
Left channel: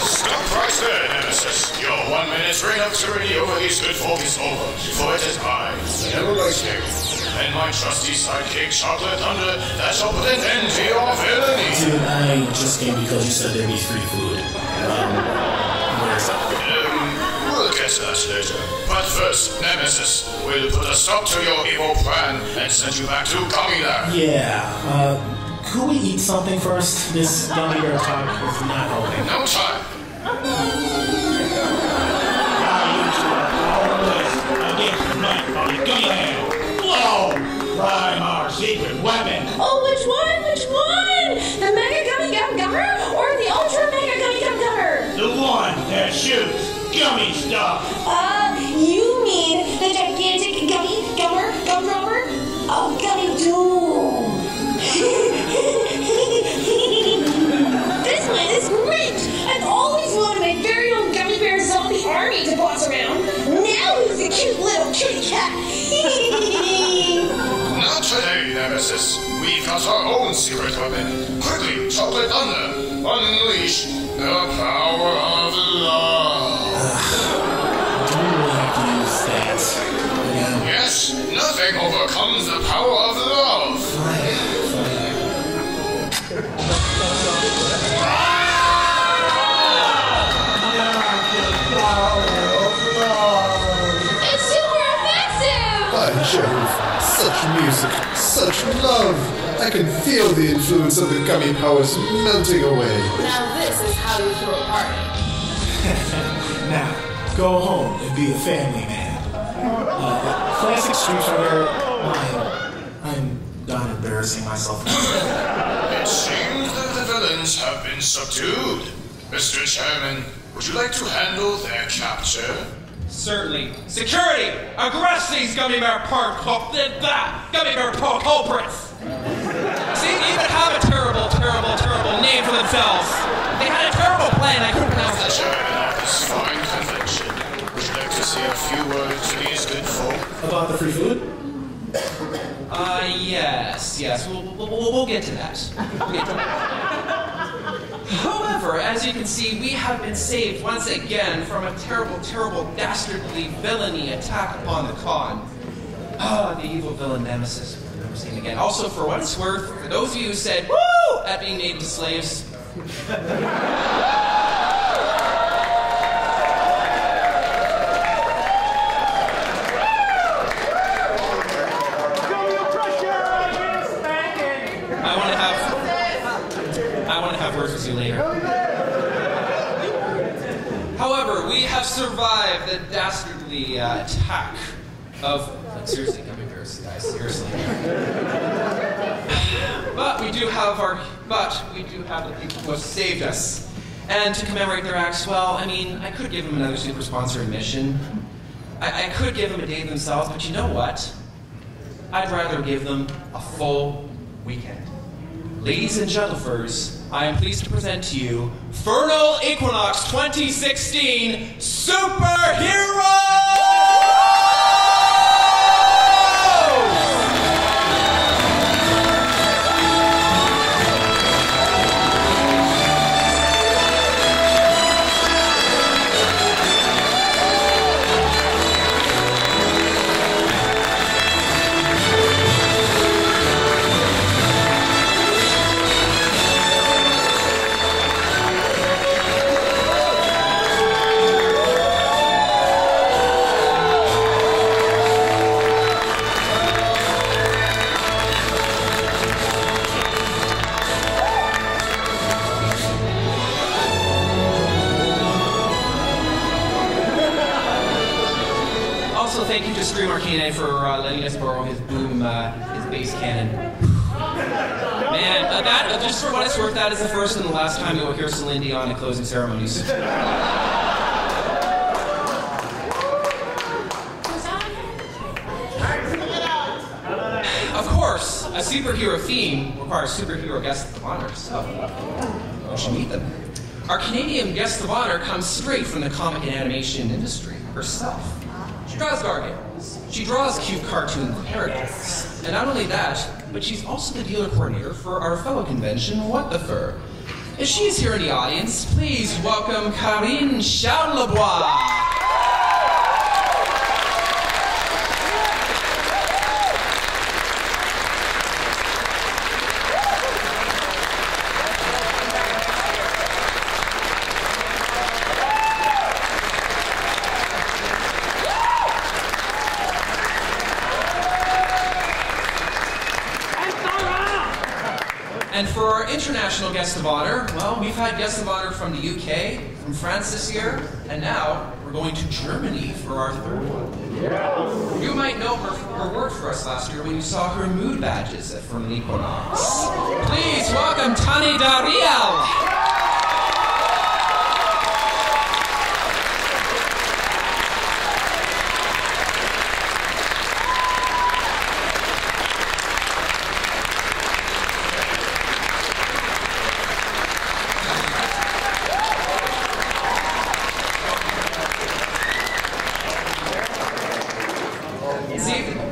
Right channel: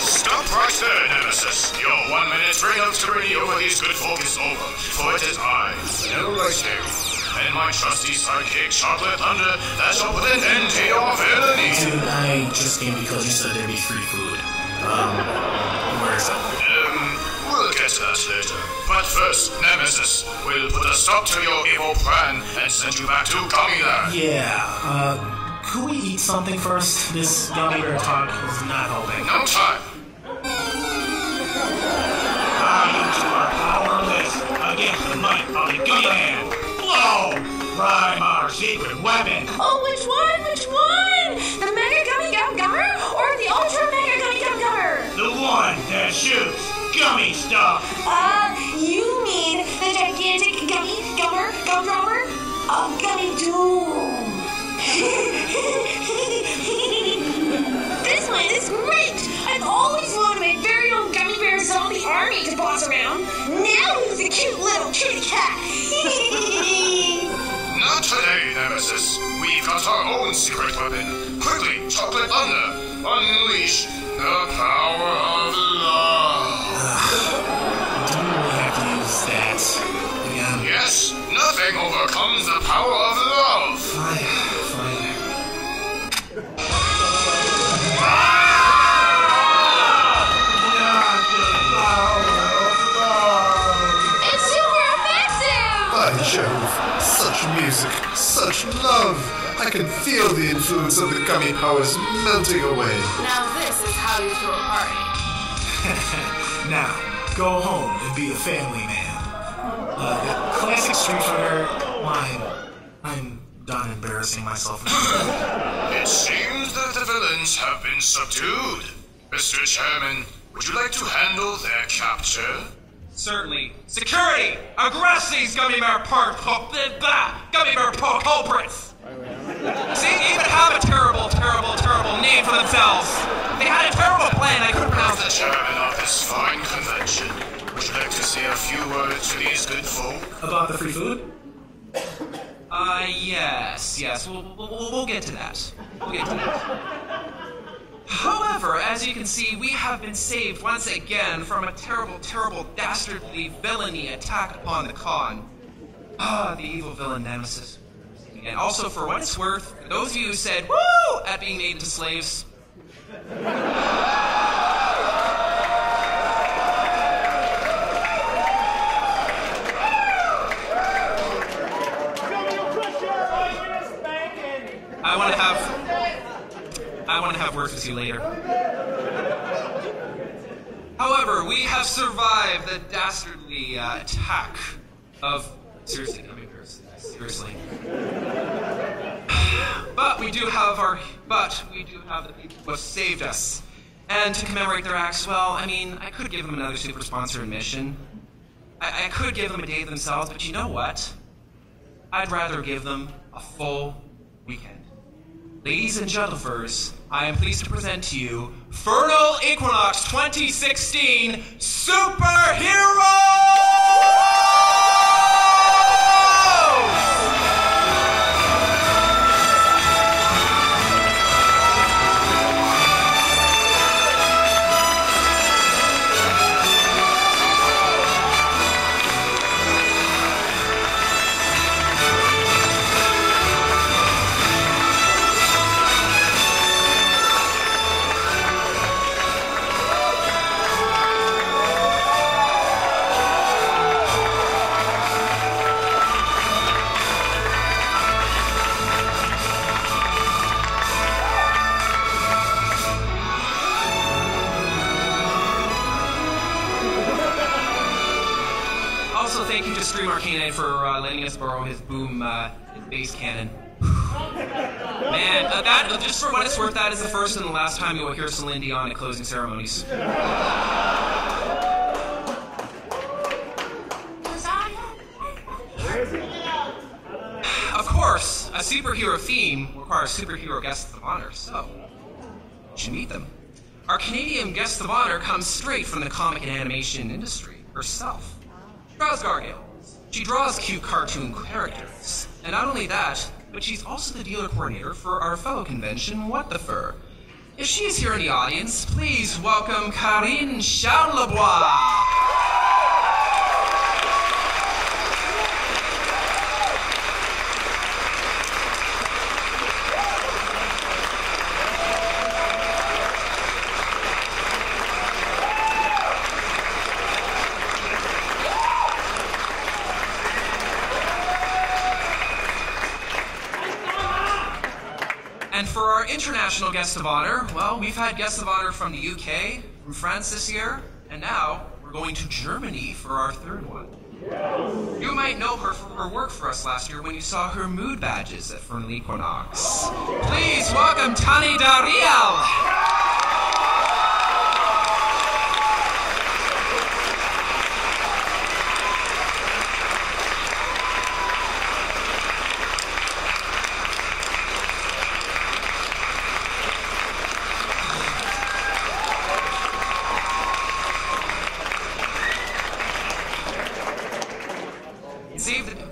Stop right there, Nemesis. Your 1 minute reign of tyranny over these good folk is over, for it is I, Vanilla Lightning, and my trusty sidekick, Chocolate Thunder, that shall put an end to your villainy. Dude, I just came because you said there'd be free food. Where is it? We'll get to that later. But first, Nemesis, we'll put a stop to your evil plan and send you back to Gummy Land. Yeah, could we eat something first? This gummy bear talk is not helping. No time. You two are powerless against the might of the gummy man. Blow! Prime our secret weapon. Oh, which one? Which one? The Mega Gummy Gum Gummer or the Ultra Mega Gummy Gum Gummer? The one that shoots gummy stuff. You mean the gigantic Gummy Gummer Gum Drummer? Oh, Gummy Doom. This one is great. I've always wanted my very own Gummy Bear zombie army to boss around. Now who's a cute little kitty cat? Not today, Nemesis. We've got our own secret weapon. Quickly, Chocolate Thunder, unleash the power of love. Do we have to use that again? Yes, nothing overcomes the power of love. Fine. Jove, such music, such love. I can feel the influence of the gummy powers melting away. Now this is how you throw a party. Now, go home and be a family man. Classic Street Fighter. I'm done embarrassing myself. It seems that the villains have been subdued. Mr. Chairman, would you like to handle their capture? Certainly. Security! Arrest these gummy bear culprits! See, they even have a terrible name for themselves. They had a terrible plan, I couldn't pronounce it. Chairman of this fine convention, would you like to say a few words to these good folk? About the free food? Yes. We'll get to that. However, as you can see, we have been saved once again from a terrible, dastardly villainy attack upon the con. The evil villain Nemesis. We've never seen again. Also, for what it's worth, for those of you who said, woo, at being made into slaves, I want to have words with you later. However, we have survived the dastardly attack of... Seriously, gummy bears, guys, seriously. But we do have the people who have saved us. And to commemorate their acts, well, I mean, I could give them another super sponsor admission. I could give them a day themselves, but you know what? I'd rather give them a full weekend. Ladies and gentlemen, I am pleased to present to you Furnal Equinox 2016 Superhero! Thank you to Stream Arcade for letting us borrow his boom, his bass cannon. Man, that, just for what it's worth, that is the first and the last time you will hear Celine Dion at closing ceremonies. Of course, a superhero theme requires superhero guests of honor, so you should meet them. Our Canadian guest of honor comes straight from the comic and animation industry herself. She draws gargoyles. She draws cute cartoon characters. And not only that, but she's also the dealer coordinator for our fellow convention, What the Fur. If she's here in the audience, please welcome Karine Charlebois. And for our international guest of honor, well, we've had guests of honor from the UK, from France this year, and now we're going to Germany for our third one. You might know her work for us last year when you saw her mood badges at Furnal Equinox. Please welcome Tani Dariel.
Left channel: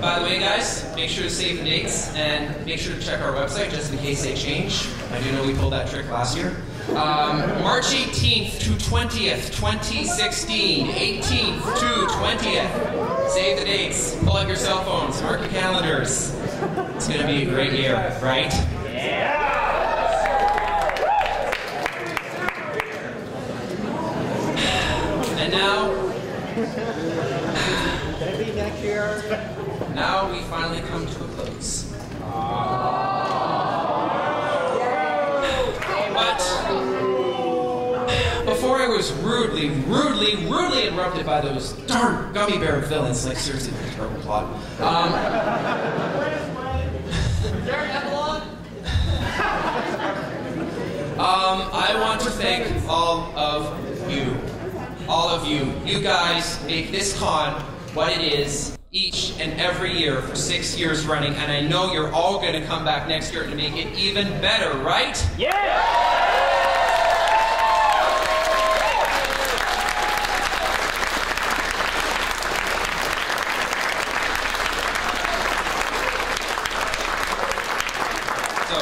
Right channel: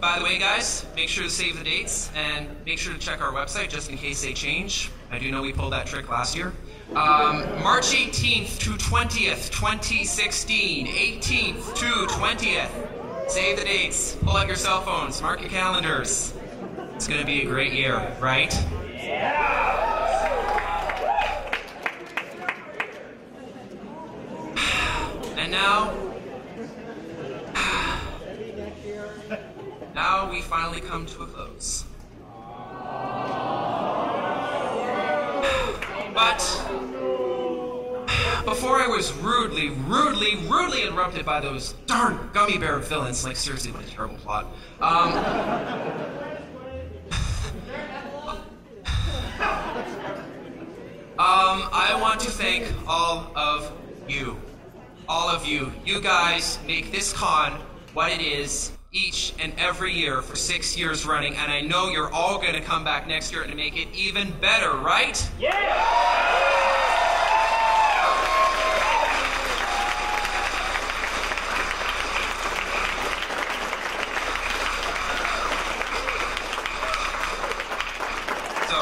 By the way, guys, make sure to save the dates and make sure to check our website just in case they change. I do know we pulled that trick last year. March 18th to 20th, 2016. 18th to 20th. Save the dates. Pull out your cell phones. Mark your calendars. It's going to be a great year, right? And now... Now we finally come to a close. But before I was rudely interrupted by those darn gummy bear villains, like seriously, what a terrible plot. I want to thank all of you. All of you. You guys make this con what it is each and every year for 6 years running, and I know you're all going to come back next year to make it even better, right? Yeah! So,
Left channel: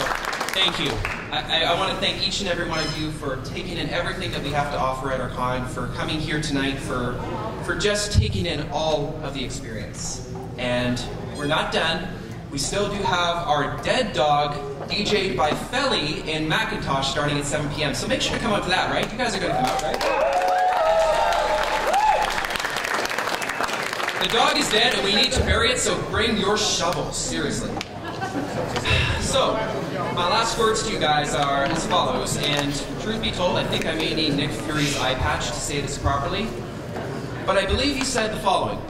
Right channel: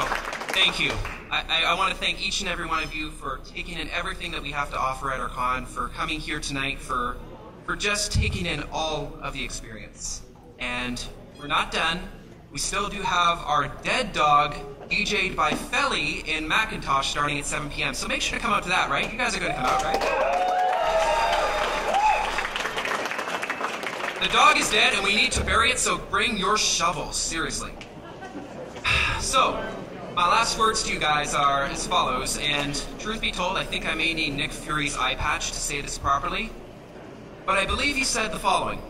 thank you. I want to thank each and every one of you for taking in everything that we have to offer at our con, for coming here tonight, for just taking in all of the experience. And we're not done. We still do have our Dead Dog DJ'd by Felly in Macintosh starting at 7 p.m. So make sure to come out to that, right? You guys are going to come out, right? The dog is dead and we need to bury it, so bring your shovels, seriously. So, my last words to you guys are as follows, and truth be told, I think I may need Nick Fury's eye patch to say this properly, but I believe he said the following.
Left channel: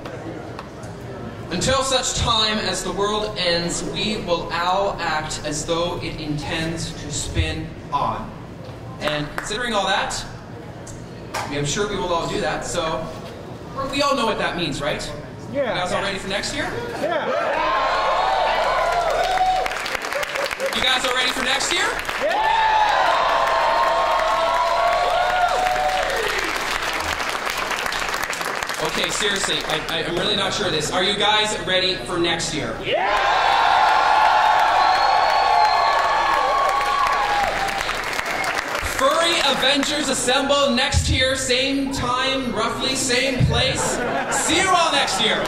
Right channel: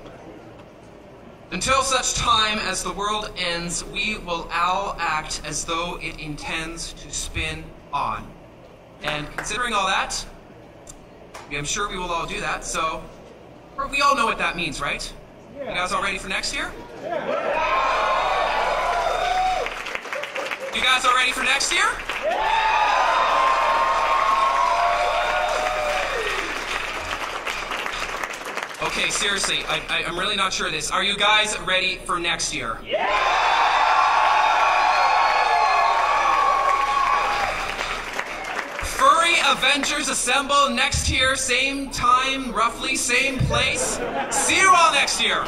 Until such time as the world ends, we will all act as though it intends to spin on. And considering all that, I'm sure we will all do that, so we all know what that means, right? Yeah. You guys all ready for next year? Yeah. You guys all ready for next year? Okay, seriously, I'm really not sure of this. Are you guys ready for next year? Furry Avengers assemble next year, same time, roughly same place. See you all next year.